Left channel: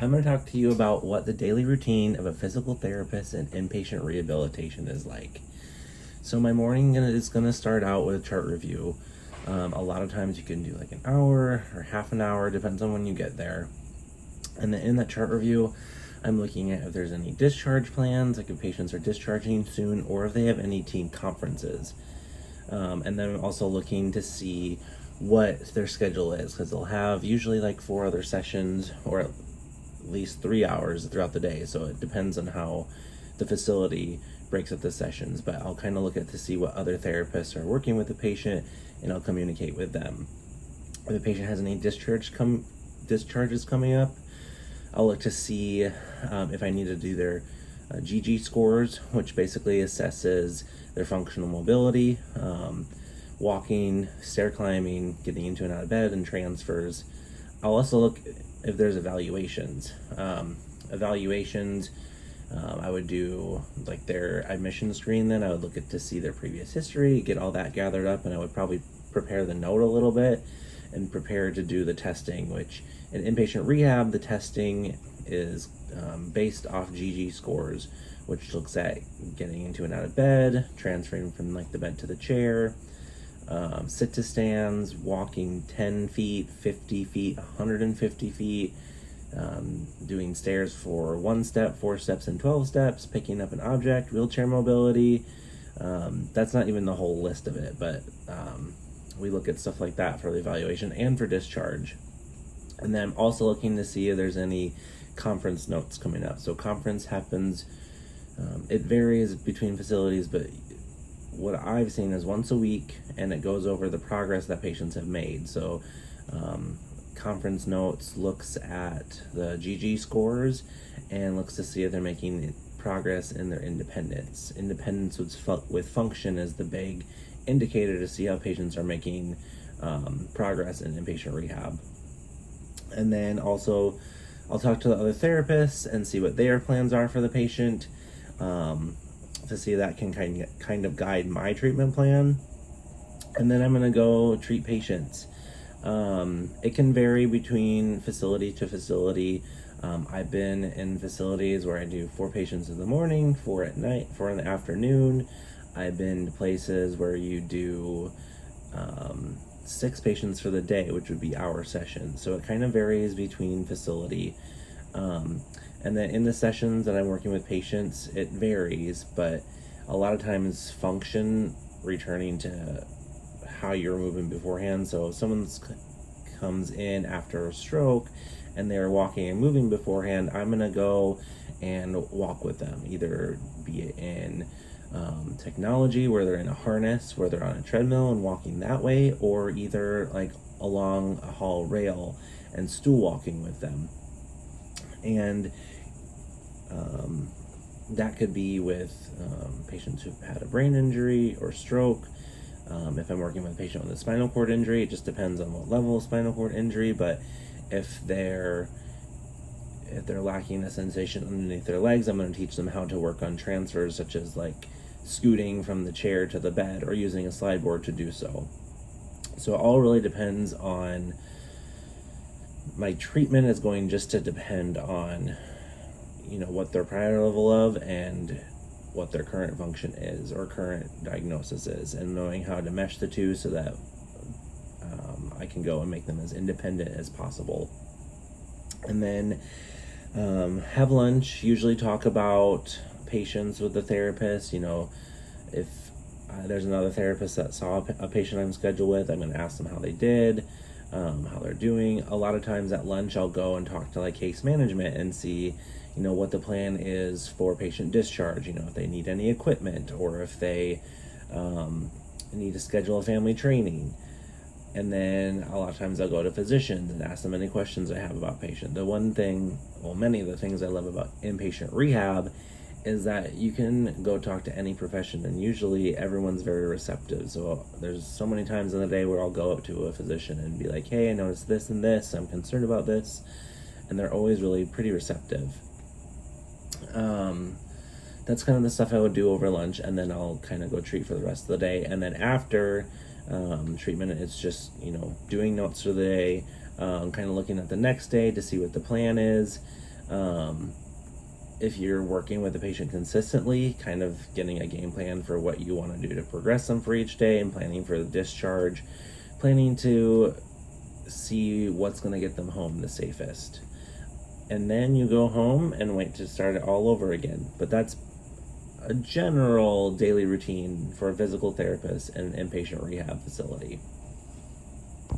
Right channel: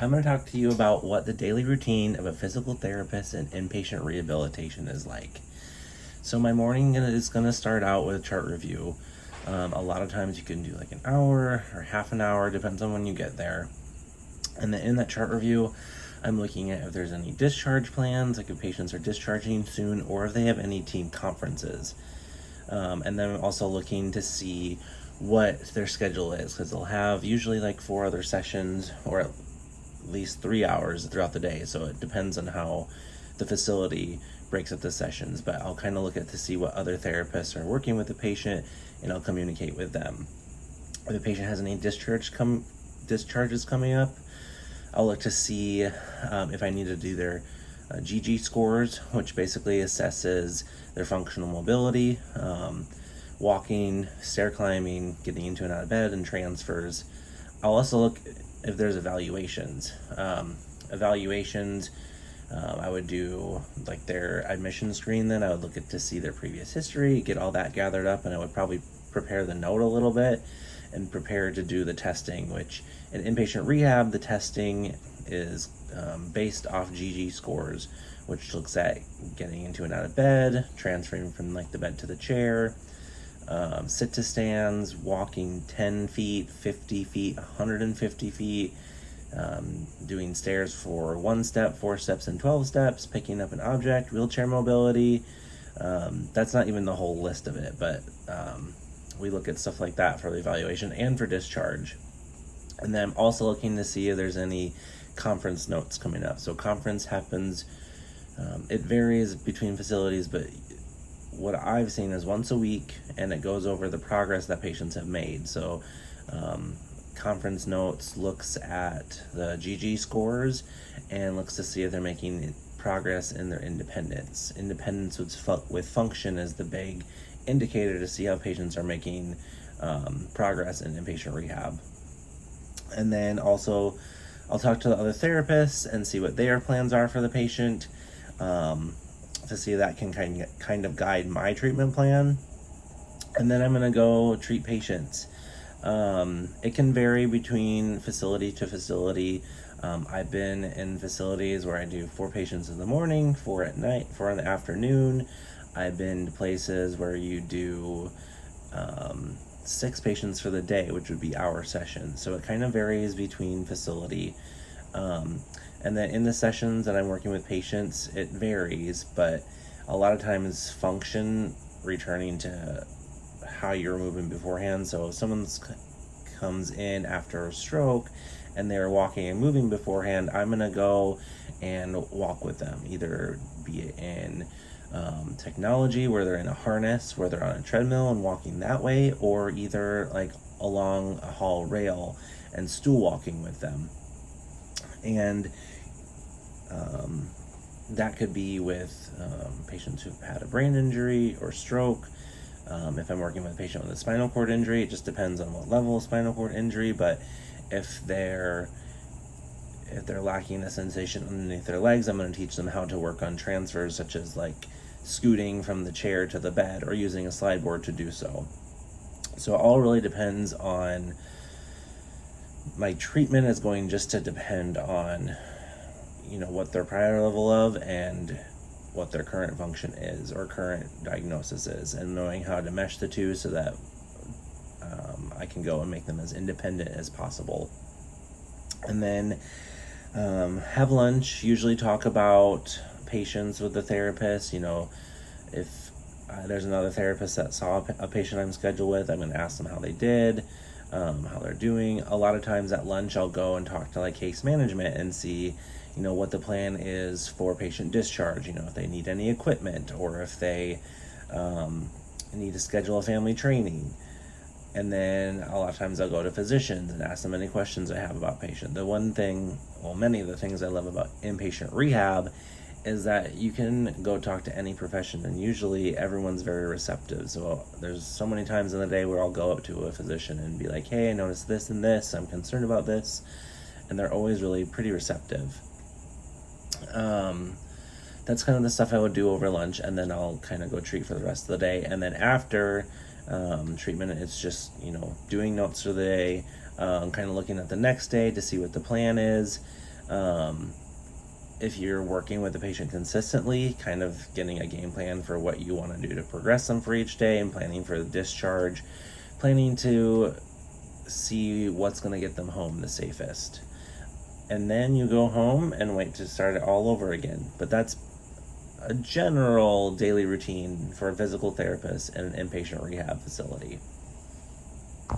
I'm going to talk to you about what the daily routine of a physical therapist in inpatient rehabilitation is like. So my morning is going to start out with a chart review. A lot of times you can do like an hour or half an hour, depends on when you get there. And then in that chart review, I'm looking at if there's any discharge plans, like if patients are discharging soon, or if they have any team conferences. And then I'm also looking to see what their schedule is, because they'll have usually like 4 other sessions, or at least 3 hours throughout the day. So it depends on how the facility breaks up the sessions, but I'll kind of look at to see what other therapists are working with the patient, and I'll communicate with them. If the patient has any discharges coming up, I'll look to see if I need to do their GG scores, which basically assesses their functional mobility, walking, stair climbing, getting into and out of bed, and transfers. I'll also look if there's evaluations. I would do like their admission screen. Then I would look at to see their previous history, get all that gathered up, and I would probably prepare the note a little bit and prepare to do the testing, which in inpatient rehab, the testing is based off GG scores, which looks at getting into and out of bed, transferring from like the bed to the chair, sit to stands, walking 10 feet, 50 feet, 150 feet, doing stairs for 1 step, 4 steps, and 12 steps, picking up an object, wheelchair mobility. That's not even the whole list of it, but we look at stuff like that for the evaluation and for discharge. And then I'm also looking to see if there's any conference notes coming up. So conference happens, it varies between facilities, but what I've seen is once a week, and it goes over the progress that patients have made. So conference notes looks at the GG scores and looks to see if they're making progress in their independence. Independence with function is the big indicator to see how patients are making progress in inpatient rehab. And then also I'll talk to the other therapists and see what their plans are for the patient, to see if that can kind of guide my treatment plan. And then I'm going to go treat patients. It can vary between facility to facility. I've been in facilities where I do 4 patients in the morning, 4 at night, 4 in the afternoon. I've been to places where you do 6 patients for the day, which would be hour sessions. So it kind of varies between facility. And then in the sessions that I'm working with patients, it varies, but a lot of times function returning to how you're moving beforehand. So if someone comes in after a stroke and they're walking and moving beforehand, I'm gonna go and walk with them, either be it in technology where they're in a harness, where they're on a treadmill and walking that way, or either like along a hall rail and stool walking with them. And that could be with patients who've had a brain injury or stroke. If I'm working with a patient with a spinal cord injury, it just depends on what level of spinal cord injury, but if they're lacking a sensation underneath their legs, I'm going to teach them how to work on transfers, such as like scooting from the chair to the bed or using a slide board to do so. So it all really depends on, my treatment is going just to depend on, what their prior level of and what their current function is or current diagnosis is, and knowing how to mesh the two so that I can go and make them as independent as possible. And then have lunch, usually talk about patients with the therapist. If there's another therapist that saw a patient I'm scheduled with, I'm going to ask them how they did, how they're doing. A lot of times at lunch I'll go and talk to like case management and see what the plan is for patient discharge, if they need any equipment, or if they need to schedule a family training. And then a lot of times I'll go to physicians and ask them any questions I have about patient. Many of the things I love about inpatient rehab is that you can go talk to any profession, and usually everyone's very receptive. So there's so many times in the day where I'll go up to a physician and be like, hey, I noticed this and this, I'm concerned about this, and they're always really pretty receptive. That's kind of the stuff I would do over lunch, and then I'll kind of go treat for the rest of the day. And then after treatment, it's just doing notes for the day, kind of looking at the next day to see what the plan is, If you're working with the patient consistently, kind of getting a game plan for what you want to do to progress them for each day, and planning for the discharge, planning to see what's going to get them home the safest. And then you go home and wait to start it all over again. But that's a general daily routine for a physical therapist in an inpatient rehab facility.